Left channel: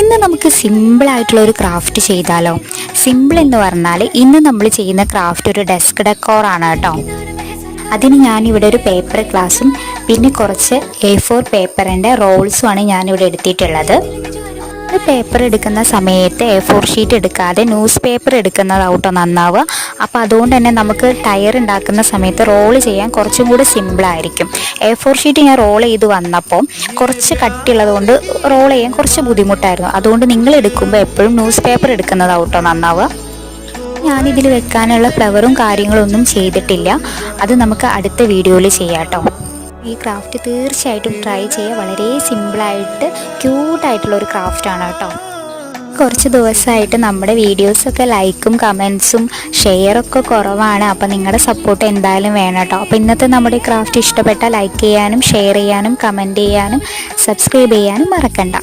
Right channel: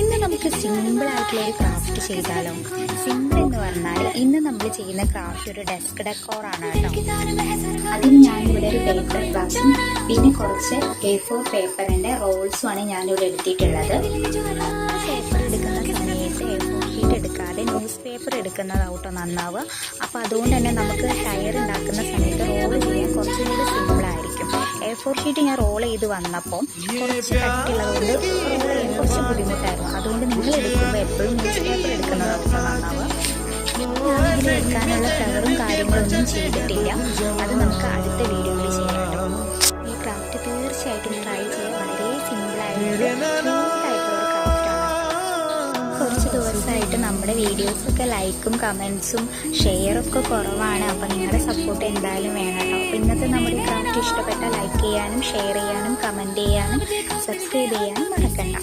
ഇന്ന് നമുക്ക് സിമ്പിളായിട്ടുള്ള ഒരു ക്രാഫ്റ്റ് ചെയ്താലോ. സിമ്പിൾ എന്ന് പറഞ്ഞാൽ ഇന്ന് നമ്മൾ ചെയ്യുന്ന ക്രാഫ്റ്റ് ഒരു ഡെസ്ക് ഡെക്കോറാണ് കേട്ടോ. അതിന് ഞാനിവിടെ ഒരു പേപ്പർ ഗ്ലാസും പിന്നെ കുറച്ച് A4 പേപ്പറിൻ്റെ റോൾസുമാണ് ഞാനിവിടെ എടുത്തിട്ടുള്ളത്. ഒരു പേപ്പർ എടുക്കുന്ന സമയത്ത് A4 ഷീറ്റ് എടുക്കാതെ ന്യൂസ് പേപ്പർ എടുക്കുന്നതാവട്ടോ നന്നാവുക. അപ്പോൾ അതുകൊണ്ട് തന്നെ നമുക്ക് ടയർ ഉണ്ടാക്കുന്ന സമയത്ത് റോൾ ചെയ്യാൻ കുറച്ചും കൂടി സിമ്പിളായിരിക്കും. A4 ഷീറ്റ് ഞാൻ റോൾ ചെയ്ത് വന്നപ്പോൾ കുറച്ച് കട്ടിയുള്ളത് കൊണ്ട് റോൾ ചെയ്യാൻ കുറച്ച് ബുദ്ധിമുട്ടായിരുന്നു. അതുകൊണ്ട് നിങ്ങൾ എടുക്കുമ്പോൾ എപ്പോഴും ന്യൂസ് പേപ്പർ എടുക്കുന്നതാവട്ടോ നന്നാവുക. ഞാനിതിൽ വെക്കാനുള്ള ഫ്ലവറും കാര്യങ്ങളൊന്നും ചെയ്തിട്ടില്ല. അത് നമുക്ക് അടുത്ത വീഡിയോയിൽ ചെയ്യാം കേട്ടോ. ഈ ക്രാഫ്റ്റ് തീർച്ചയായിട്ടും ട്രൈ ചെയ്യുക. വളരെ സിമ്പിളായിട്ട് ക്യൂട്ടായിട്ടുള്ളൊരു ക്രാഫ്റ്റാണ് കേട്ടോ. കുറച്ച് ദിവസമായിട്ട് നമ്മുടെ വീഡിയോസൊക്കെ ലൈക്കും കമൻസും ഷെയറൊക്കെ കുറവാണ്. അപ്പോൾ നിങ്ങളുടെ സപ്പോർട്ട് എന്തായാലും വേണം കേട്ടോ. അപ്പോൾ ഇന്നത്തെ നമ്മുടെ ക്രാഫ്റ്റ് ഇഷ്ടപ്പെട്ടാൽ ലൈക്ക് ചെയ്യാനും ഷെയർ ചെയ്യാനും കമൻറ്റ് ചെയ്യാനും സബ്സ്ക്രൈബ് ചെയ്യാനും മറക്കണ്ട.